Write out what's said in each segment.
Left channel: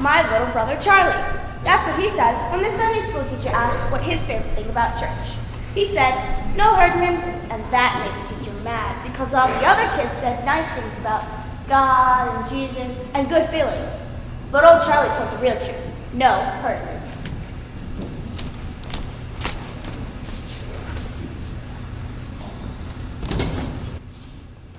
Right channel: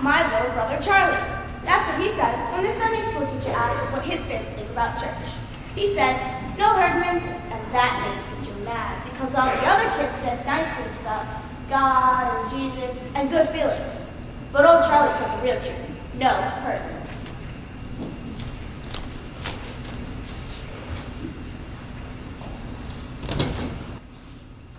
my little brother Charlie. That's what he said when the Sunday school teacher asked what his favorite thing about church. He said, no Herdmans, and that made the teacher mad because all the other kids said nice things about God and Jesus and good feelings. But old Charlie told the real truth. No Herdmans.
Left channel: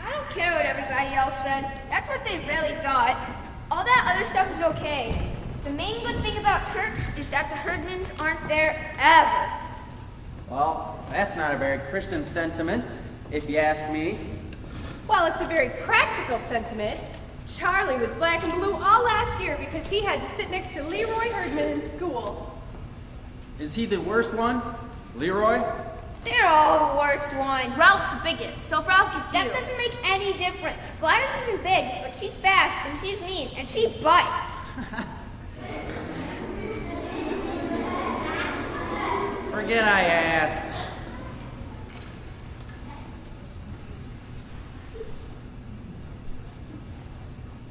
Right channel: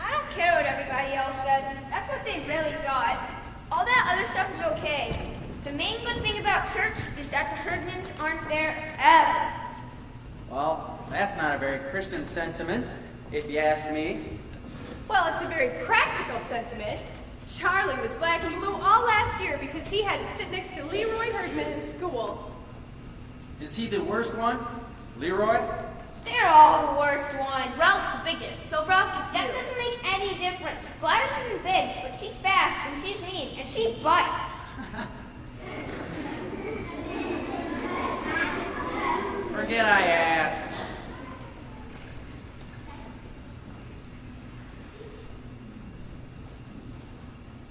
I don't care what everybody else said. That's what they really thought. All that other stuff is okay. The main good thing about church is that the Herdmans aren't there ever. Well, that's not a very Christian sentiment, if you ask me. Well, it's a very practical sentiment. Charlie was black and blue all last year because he had to sit next to Leroy Herdman in school. Is he the worst one? Leroy? They're all the worst one. Ralph's the biggest, so Ralph gets That you. doesn't make any difference. Gladys isn't big, but she's fast and she's mean and she bites. Forget I asked.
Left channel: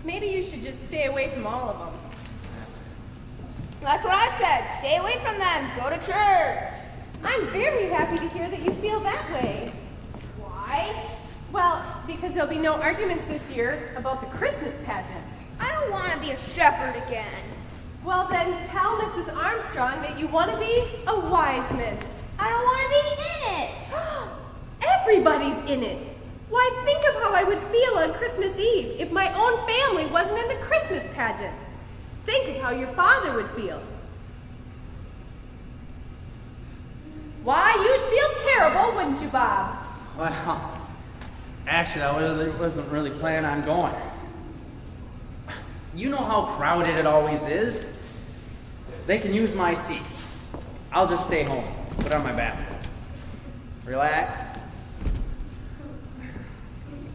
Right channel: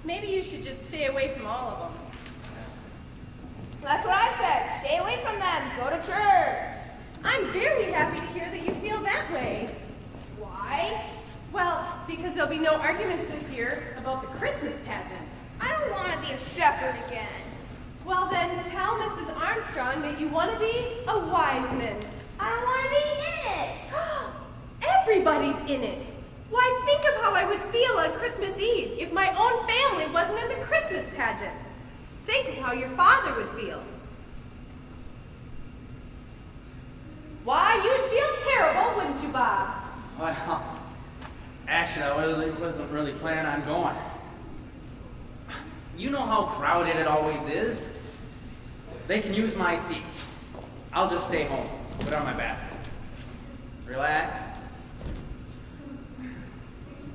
Maybe you should just stay away from all of them. That's what I said. Stay away from them. Go to church. I'm very happy to hear that you feel that way. Why? Well, because there'll be no arguments this year about the Christmas pageant. I don't want to be a shepherd again. Well, then tell Mrs. Armstrong that you want to be a wise man. I don't want to be in it. Everybody's in it. Why, think of how I would feel on Christmas Eve if my own family wasn't in the Christmas pageant. Think of how your father would feel. Why, you'd feel terrible, wouldn't you, Bob? Well, actually, I wasn't really planning on going. You know how crowded it always is. They can use my seat. I'll just stay home, put on my back. Relax.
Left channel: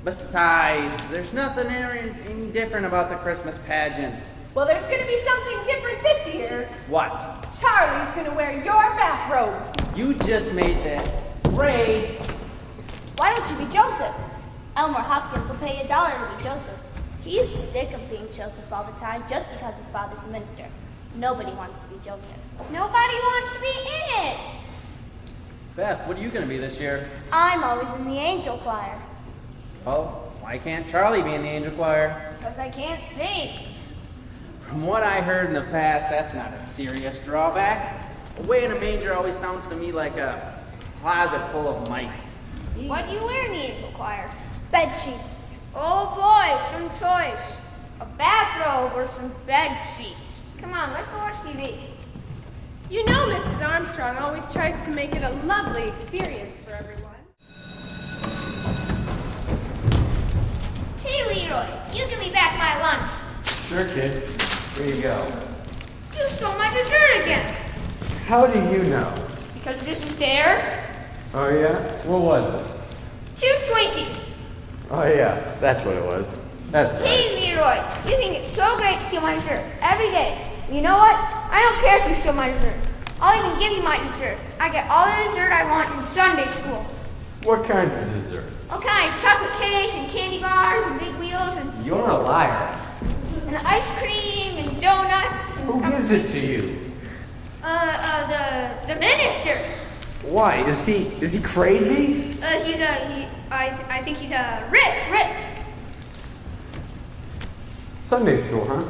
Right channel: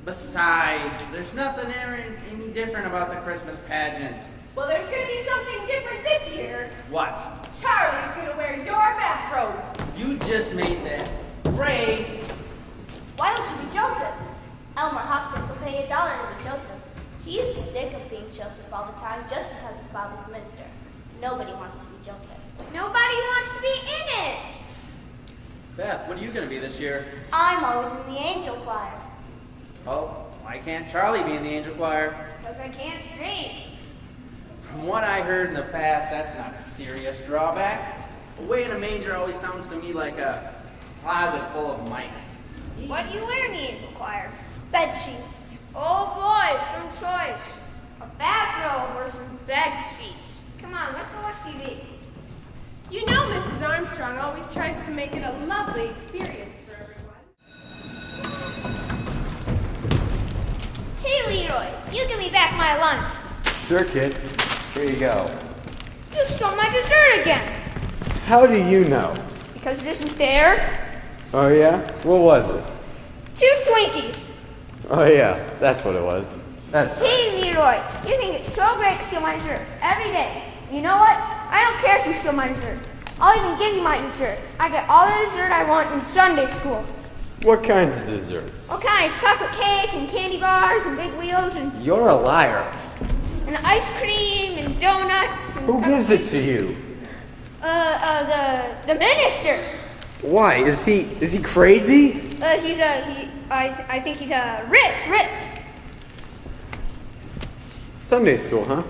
Besides, there's nothing any different about the Christmas pageant. Well, there's going to be something different this year. What? Charlie's going to wear your bathrobe. You just made that race. Why don't you be Joseph? Elmer Hopkins will pay $1 to be Joseph. He's sick of being Joseph all the time just because his father's a minister. Nobody wants to be Joseph. Nobody wants to be in it. Beth, what are you going to be this year? I'm always in the angel choir. Oh, why can't Charlie be in the angel choir? Because I can't sing. From what I heard in the past, that's not a serious drawback. Away in a manger always sounds to me like a closet full of mice. What do you wear in the angel choir? Bed sheets. Oh boy, some choice. A bathrobe or some bed sheets. Come on, let's go watch TV. You know Mrs. Armstrong always tries to make it a lovely experience for everyone. Hey Leroy, you give me back my lunch. Sure, kid. Here you go. You stole my dessert again. How do you know? Because it isn't there. Oh, yeah? What was it? 2 Twinkies. Oh, yeah. That's what it was. That's right. Hey Leroy, you think it's so great to steal my dessert every day. You know what? I don't care if you steal my dessert. I'll even give you my dessert. I get all the dessert I want in Sunday school. What kinds of desserts? All kinds, chocolate cake and candy bars and big wheels and You're a liar. ice cream and donuts. And Who gives it to you? The minister. Why? Is he crazy? I think he's rich. Sunday school, huh?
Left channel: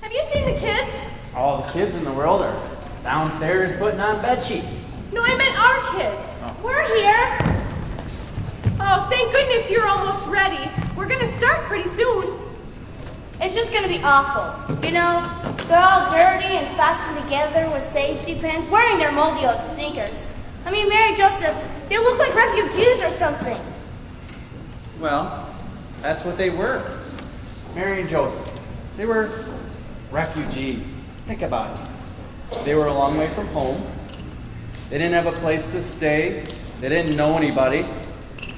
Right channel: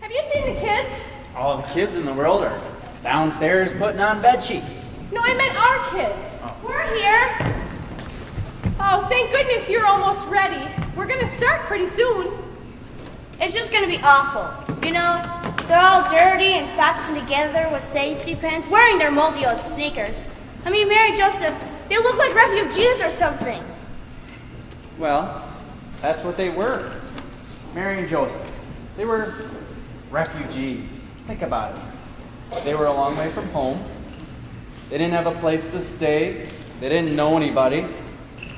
Have you seen the kids? All the kids in the world are downstairs putting on bed sheets. No, I meant our kids. Oh. We're here. Oh, thank goodness you're almost ready. We're going to start pretty soon. It's just gonna be awful. You know, they're all dirty and fastened together with safety pins, wearing their moldy old sneakers. I mean, Mary Joseph, they look like refugees or something. Well, that's what they were. Mary and Joseph. They were refugees. Think about it. They were a long way from home. They didn't have a place to stay. They didn't know anybody.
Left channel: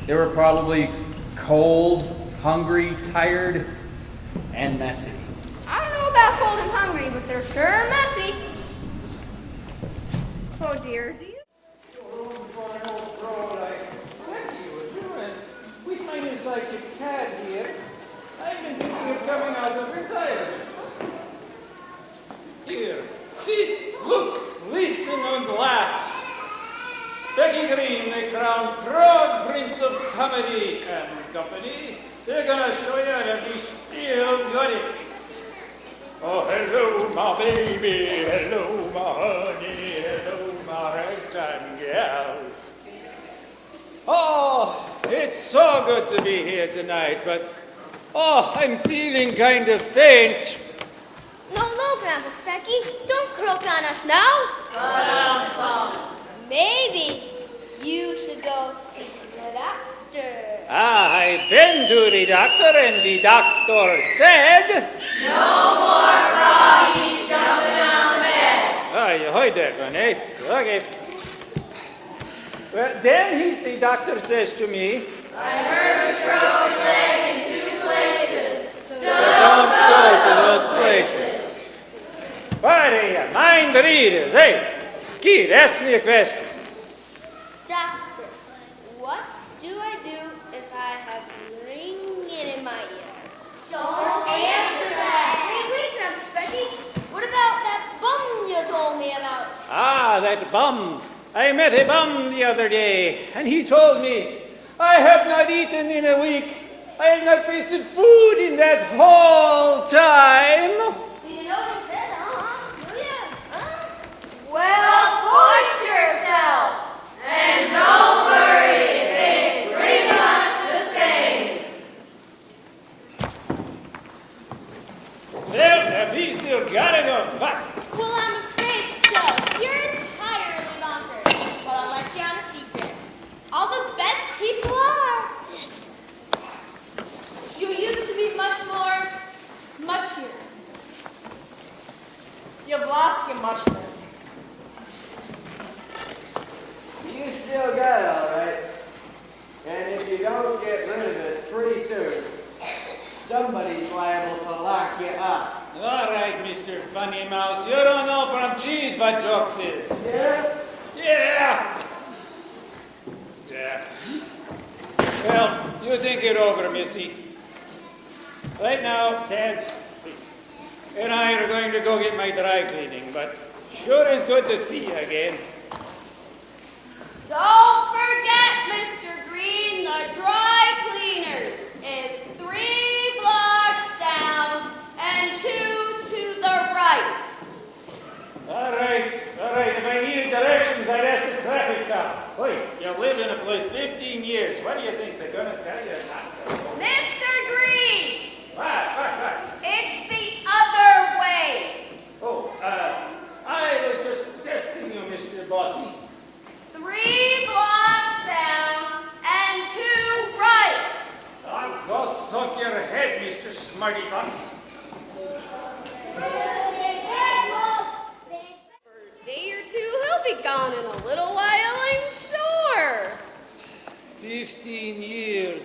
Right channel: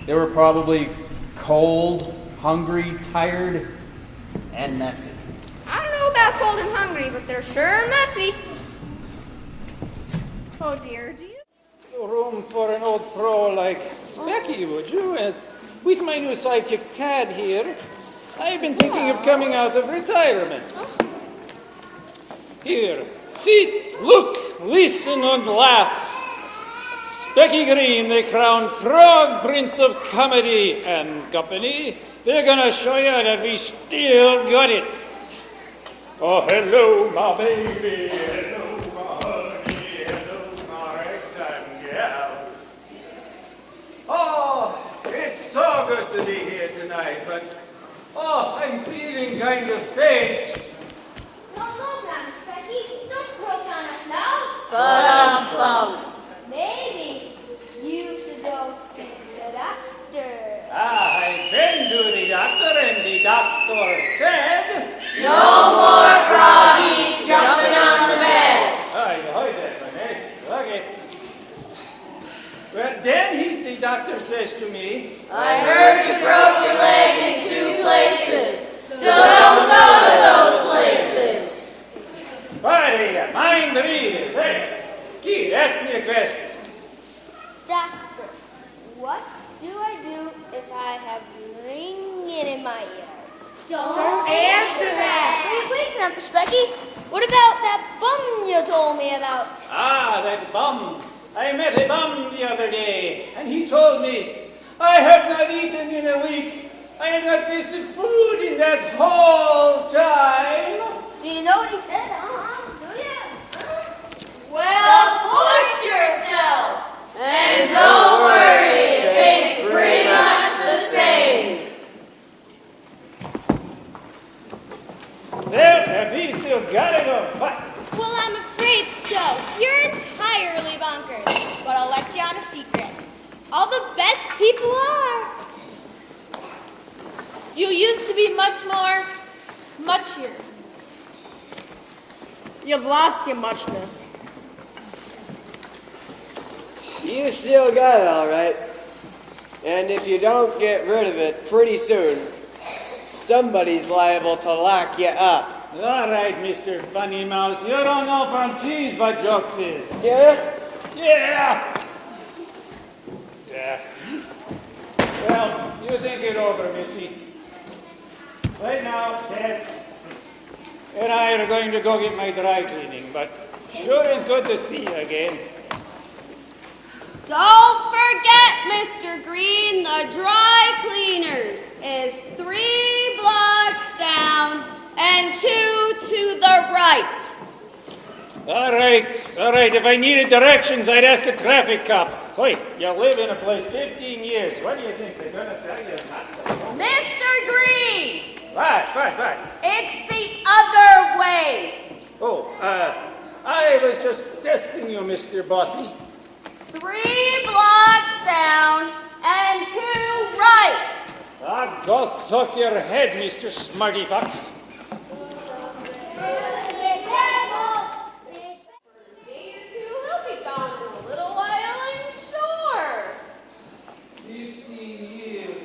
They were probably cold, hungry, tired, and messy. I don't know about cold and hungry, but they're sure messy. Oh dear, do you? Room for an old pro like Specky, would you? And with my new sidekick Tad here, I've been thinking of coming out of retirement. Here, sit, look, listen, and laugh. Specky Green, the crowned frog prince of comedy and company, they're gonna show you that we still got it. Oh, hello, my baby, hello, my honey, hello, my ragtime gal. Oh, it's so good to be here tonight, but, I'm feeling kind of faint. No, Grandpa Specky, don't croak on us now. Maybe you should go see the doctor. I've been to the doctor, and the doctor said... No more froggies jumping on the bed. Oh, you heard that one, eh? Okay. Well, then the doctor says to me... I heard you broke your leg in 2 places, so don't go to those places. What are you, mind readers? Hey, kid, ask me a question. Doctor, what do I do if I have ringing in my ear? Don't answer that. Wait, Grandpa Specky. What about that bum you told me about? Ah, that bum. I met a bum the other day, and he told me, I have not eaten in a week. I have not tasted food in that whole time. Do you know what he said? Do you? Well, force yourself. And don't worry, it tastes pretty much the same. Well, have he still got enough back? Well, I'm afraid so. You're entirely bonkers. But I'll let you on a secret. All the best people are. You used to be much muchier. You've lost your muchness. You still got it, all right. And if you don't get rid of it pretty soon, somebody's liable to lock you up. All right, Mr. Funny Mouse, you don't know from cheese what jokes is. Yeah? Yeah. Yeah. Well, you think it over, Missy. Right now, Dad and I are going to go get my dry cleaning, but sure is good to see you again. Don't forget, Mr. Green, the dry cleaners is 3 blocks down and 2 to the right. All right. If I needed directions, I'd ask a traffic cop. Wait, you lived in a place 15 years. What do you think they're going to tell you? Mr. Green! Right. It's the other way. Oh, I was just testing you, Mr. Bossy. 3 blocks down and 2 right. Ah, go suck your head, Mr. Smarty Fox. For a day or 2, he'll be gone in a little while, I'm sure. 15 years.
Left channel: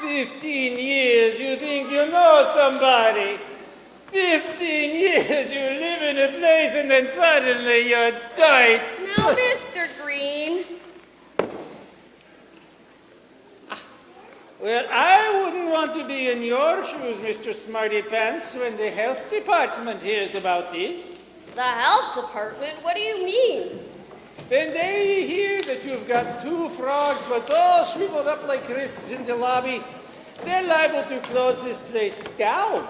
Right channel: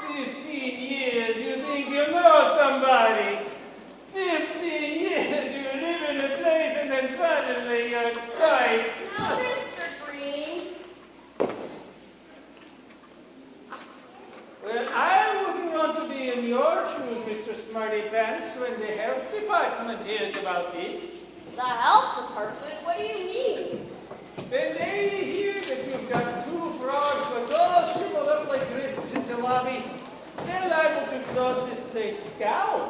15 years, you think you know somebody. 15 years, you live in a place and then suddenly you die. Now, Mr. Green. Well, I wouldn't want to be in your shoes, Mr. Smarty Pants, when the health department hears about this. The health department? What do you mean? When they hear that you've got 2 frogs what's all shriveled up like crisps in the lobby, they're liable to close this place down.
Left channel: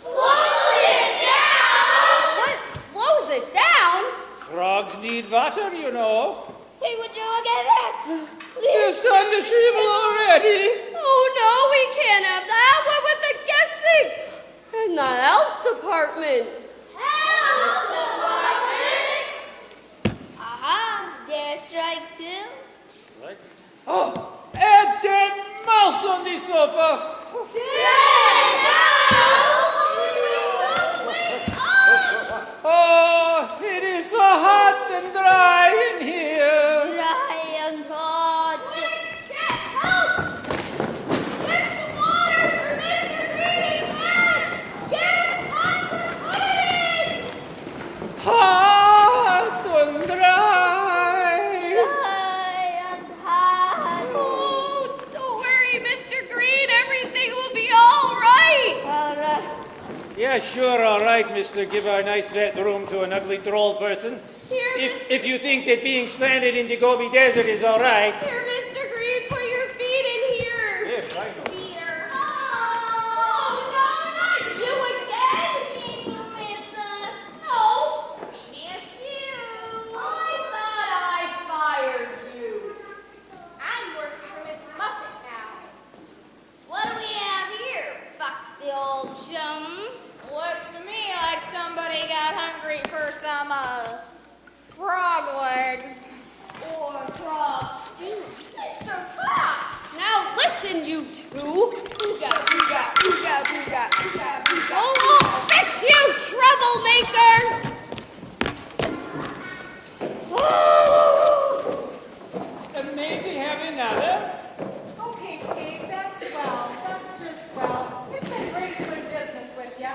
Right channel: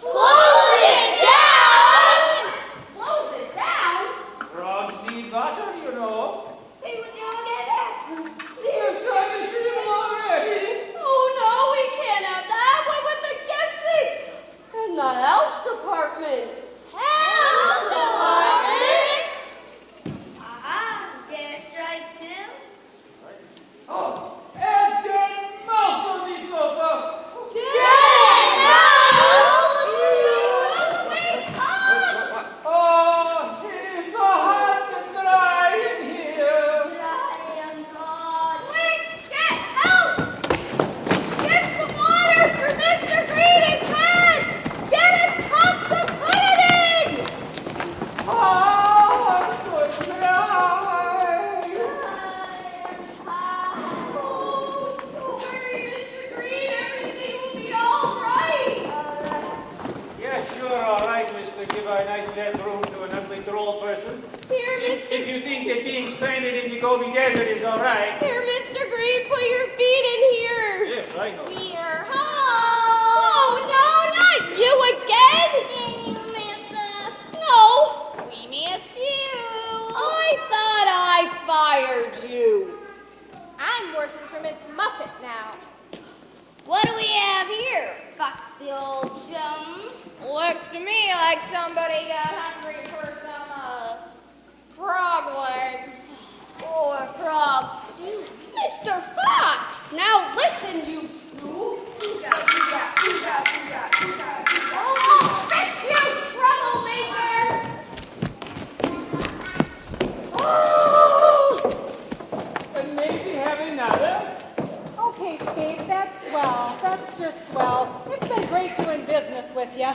Close it down? What? Close it down? Frogs need water, you know. Hey, would you look at that? You're starting to shrivel already. Oh, no, we can't have that. What would the guests think? In the health department. Health department? Aha, dare strike 2. Oh, a dead mouse on the sofa. Oh, it is so hot and dry in here. Ryan Todd. Quick, get help! Get some water for Mr. Green and Ted! Get a tub to put it sure all right, mister. Give our nice wet room to an ugly troll person. Here, If you think that being stranded in the Gobi Desert is all right. Here, Mr. Green, put your feet in here. Yes, I know. We're Oh, home. no, not you again. Did you miss us? No, We missed you. I thought I fired you. I'm working for Miss Muffet now. What do we have here, foxy old chum? Looks to me like somebody got hungry for some, frog legs. Or frog stew? Mr. Fox, now listen, you two. Oh, fix you, troublemakers! Oh! And maybe have another. Okay, Skate, that's swell. That's just swell. It's been great doing business with you.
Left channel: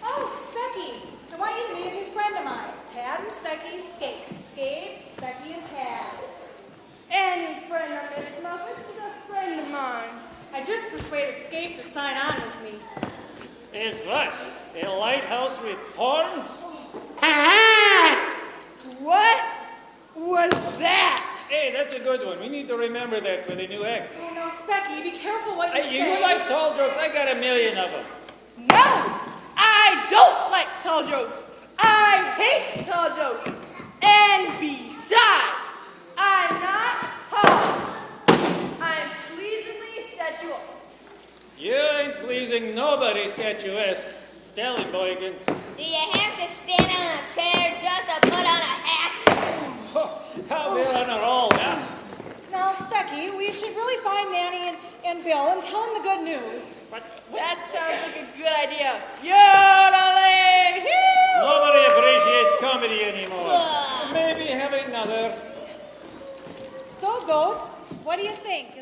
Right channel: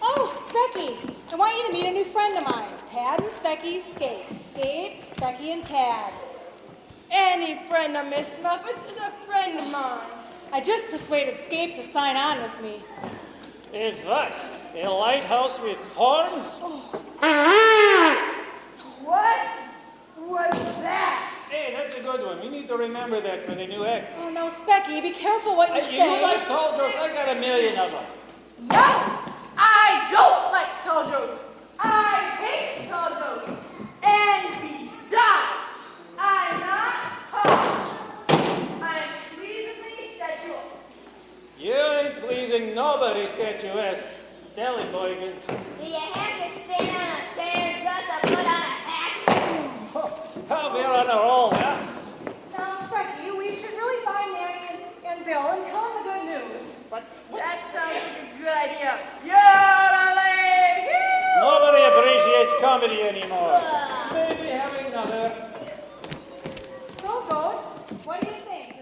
Oh, Specky, I want you to meet a new friend of mine. Tad and Specky, Skate. Skate, Specky, and Tad. Any friend of Miss Muffet's is a friend of mine. I just persuaded Skate to sign on with me. Is what? A lighthouse with horns? What was that? Hey, that's a good one. We need to remember that for the new act. Oh, no, Specky, be careful what you Hey, say. you like tall jokes? I got a million of them. No! I don't like tall jokes. I hate tall jokes. And besides, I'm not tall. I'm pleasingly statuesque. You ain't pleasing nobody, statuesque. Tell him, Boykin. Do you have to stand on a chair just to put on a hat? I'll be on a roll now. Now, Specky, we should really find Nanny and Bill and tell them the good news. What? That sounds like a good idea. Yodeling! Nobody appreciates comedy anymore. Maybe have another. So, Goats, what do you think?